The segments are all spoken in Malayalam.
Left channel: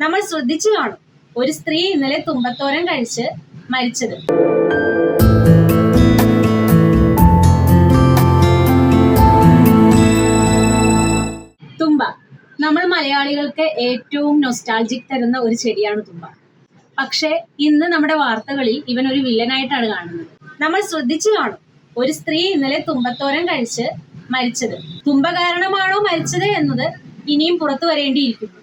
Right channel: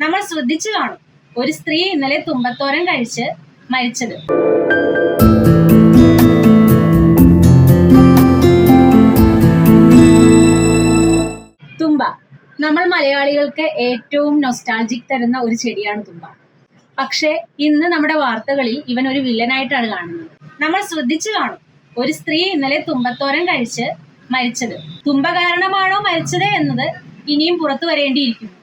നമ്മൾ ശ്രദ്ധിച്ചു കാണും ഒരു സ്ത്രീ ഇന്നലെ തുമ്പത്തോരൻ കഴിച്ച് മരിച്ചത്. തുമ്പ നമ്മൾ മലയാളികൾക്ക് ഏറ്റവും നൊസ്റ്റാൾജിക് തരുന്ന ഒരു ചെടിയാണ് തുമ്പ. പക്ഷേ ഇന്ന് നമ്മുടെ വാർത്തകളിൽ ഇവൻ ഒരു വില്ലനായിട്ടാണ് കാണുന്നത്. നമ്മൾ ശ്രദ്ധിച്ചു കാണും ഒരു സ്ത്രീ ഇന്നലെ തുമ്പത്തോരൻ കഴിച്ച് മരിച്ചത്. തുമ്പ കാരണമാണോ മരിച്ചത് എന്നത് ഇനിയും പുറത്തു വരേണ്ടിയിരിക്കുന്നു.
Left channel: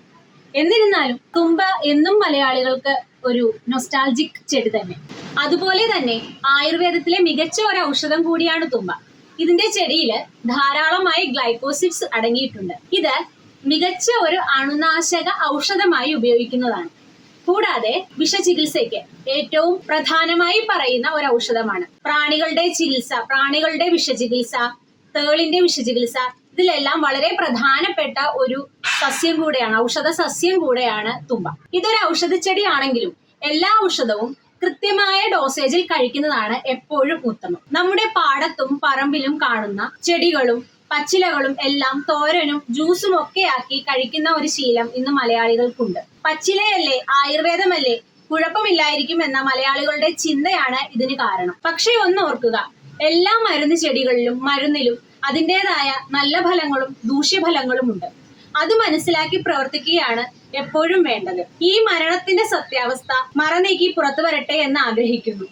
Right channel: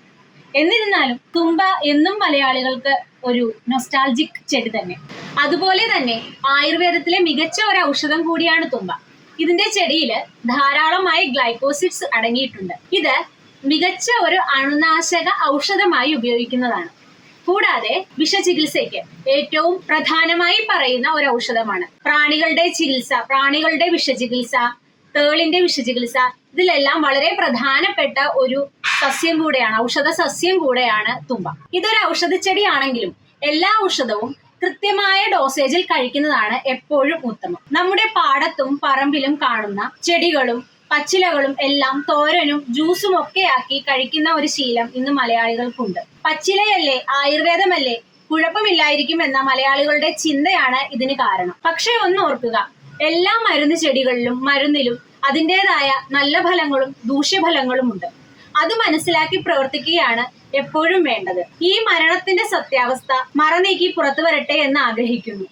എന്നിരുന്നാലും തുമ്പ എന്നും മലയാളികൾക്ക് ഒരു നൊസ്റ്റാൾജിക് ചെടി തന്നെ. അതുപോലെ തന്നെ ആയുർവേദത്തിലെ മികച്ച ഒരു ഔഷധം കൂടിയാണ് തുമ്പ. ഇതിന്റെ ചെടിയിൽ ധാരാളമായി ഗ്ലൈക്കോസിഡ്സ് അടങ്ങിയിട്ടുണ്ട്. ഇത് മികച്ച ഒരു അണുനാശക ഔഷധമായി ഉപയോഗിക്കുന്നതാണ്. കൂടാതെ വിഷചികിത്സയ്ക്ക് ഏറ്റവും പ്രധാനമായി പറയുന്ന ഒരു ഔഷധമാണ്. പ്രാണികളുടെ ചികിത്സ, പ്രാണികളുടെ വിഷചികിത്സ, തേളിന്റെ വിഷചികിത്സ, ഇതിലെല്ലാം വളരെ പ്രധാനപ്പെട്ട ഒരു സസ്യം കൂടെയാണ്, ഔഷധ സസ്യം കൂടെയാണ് തുമ്പ. ഇതൊരു ഔഷധ ചെടിയാണെങ്കിലും എല്ലാ ഔഷധവും കൃത്യമായ ഡോസേജിൽ കഴിക്കുന്നതാണ് എപ്പോഴും ഉത്തമം. നമ്മുടെ പാടത്തും പറമ്പിലും കാണുന്ന ചെടികളും പച്ചിലകളും എല്ലാം തോരനും ജ്യൂസും ഒക്കെ ആക്കി കഴിക്കുന്ന ഒരു ശീലം ഇന്ന് മലയാളികൾക്കുണ്ട്. പച്ചിലയല്ലേ, ആയുർവേദമല്ലേ, കുഴപ്പമില്ലായിരിക്കും എന്ന മലയാളികളുടെ ചിന്തയാണ് ഇതിന് കാരണം. പക്ഷേ ഒന്ന് ഓർക്കുക, എല്ലാ മരുന്ന് ചെടികളിലും മരുന്നിലും അതിൻ്റെതായ നല്ല ഫലങ്ങളും ദൂഷ്യഫലങ്ങളും ഉണ്ട്. അത് മനസ്സിലാക്കി പ്രവർത്തിക്കുകയാണ് എപ്പോഴും വേണ്ടത്. ഈ മരണത്തിന്റെ സത്യാവസ്ഥ മറനീക്കി പുറത്തു വരട്ടെ എന്ന് ആഗ്രഹിക്കുന്നു.